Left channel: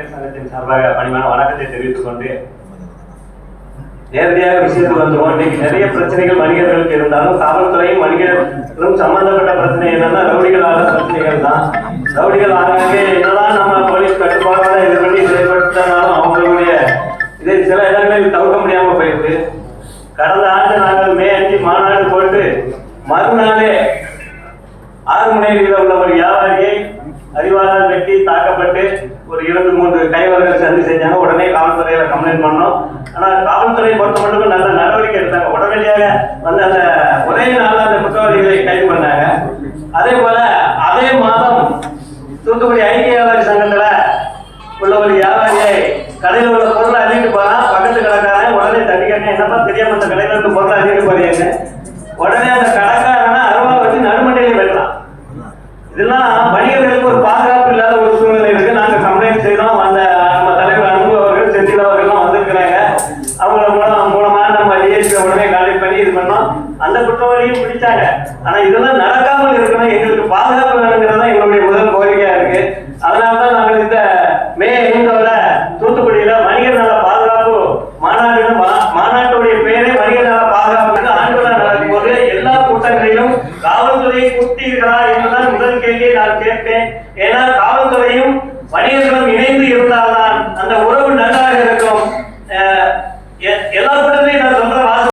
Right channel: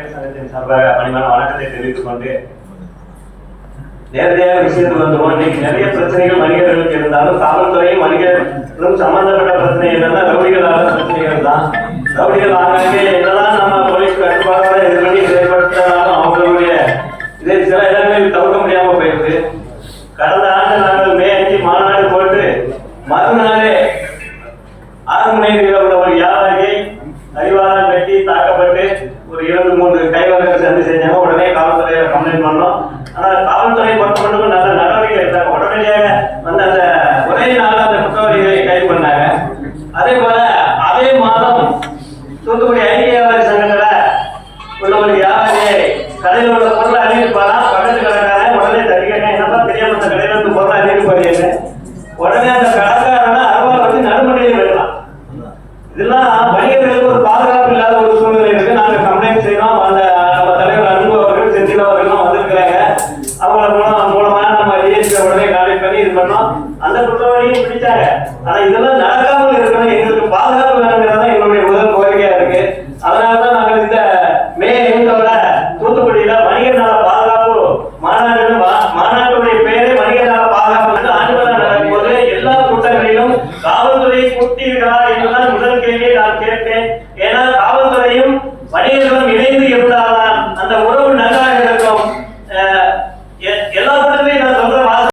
வணிகர் சங்கத்தின் சார்பாக பணிவான வணக்கத்தை தெரிவித்துக் கொண்டு நேரடியாக விஷயத்துக்கு வந்துருவோம். இன்னைக்கு நிறைய பிரச்சனைகள் வணிகர்களுக்கு இருந்தாலும் காவல்துறையும் வணிகர்களும் சம்பந்தப்பட்ட பிரச்சனை என்னன்னா ரவுடிகளான பிரச்சனைகள் தான். ரவுடிகள் ஆகவே என்னதான் நம்ம போலீஸ் கட்டுப்பாடுகளை எதிர்கொண்டு செயல்படுத்தினாலும் அவங்களுடைய இதை சில இடங்களில் தவிர்க்க முடியாம போயிருக்கு. கடந்த ஆண்டு நாங்கள் மே 5 மாநாடு போட்டு மறுநாளே 6 மணி நேரம் உள்ள ஒரு வியாபாரியை அறிவாளர் வெட்டி தாக்கப்பட்டு ஒரு 2-3 கைவர்கள் சந்தி செஞ்சாங்க. உடனே காவல்துறையில கம்ப்ளைண்ட் பண்ணோம். ஆனால் காவல்துறை பொறுத்தமட்டும் நல்ல நடவடிக்கை எடுத்தாங்க. உடனடியாக வந்து அந்த ஒரே நாளில் அந்த குற்றவாளிகளை கைது பண்ணாங்க. அதே போல அதே மாதம் தூத்துக்குடி ஐக்கிய வியாபாரி சங்கத்துல உள்ள ஒரு வியாபாரியை கடையில் உள்ள பொருளை அள்ளிட்டு போனா பக்கத்து கடைக்காரன் உடனே தட்டிக்கணும். என்னப்பா தெரியாம அந்த கடையில் இருந்து பொருளை அள்ளிட்டு போறீங்க. உடனே அந்த கடைக்காரனை அருவா வச்சு நடுமண்டியிலே வெட்டலாம். இதெல்லாம் வணிகர்களுக்கு ஒரு பாதுகாப்பு இல்லாத ஒரு சூழ்நிலை இருக்கு. நாங்க கம்ப்ளைண்ட் செய்யறோம். அந்த நம்ம தலைவர் அன்பு அவர்கள் செந்தில் அவர்கள்லாம் வந்திருக்கிறாங்க. அவங்க மூலமா நம்ம டிஎஸ்பி உடனே கான்டாக்ட் பண்ணி இது பண்ணோம். அந்த குற்றவாளியும் பிடிச்சாங்க. ஆனா இதெல்லாம் நடக்காமல் இருக்கணும், எங்களுக்கு பாதுகாப்பு வேணுங்கிறது தான் எங்களுடைய முதல் கோரிக்கையா இருக்கு. அதனாலதான் நாங்கள் இந்த மே 5 தூத்துக்குடியில வணிகர் நல பாதுகாப்பு மாநாட்டுடைய பேரே வணிகர் நல பாதுகாப்பு ஆண்டுவிழா நடக்கும் போது எல்லா கூட்டங்களிலும் காவல்துறையை கூட்டீர்களா என்றுதான் முதல் கேள்வியை நான் கேட்டேன். ஏன்னா காவல்துறையும் வணிகர்களும் இணைந்து இருந்தால்தான் அந்த உறவு நன்றாக இருக்கும். எல்லா கூட்டத்திலையும் நான் சொல்ற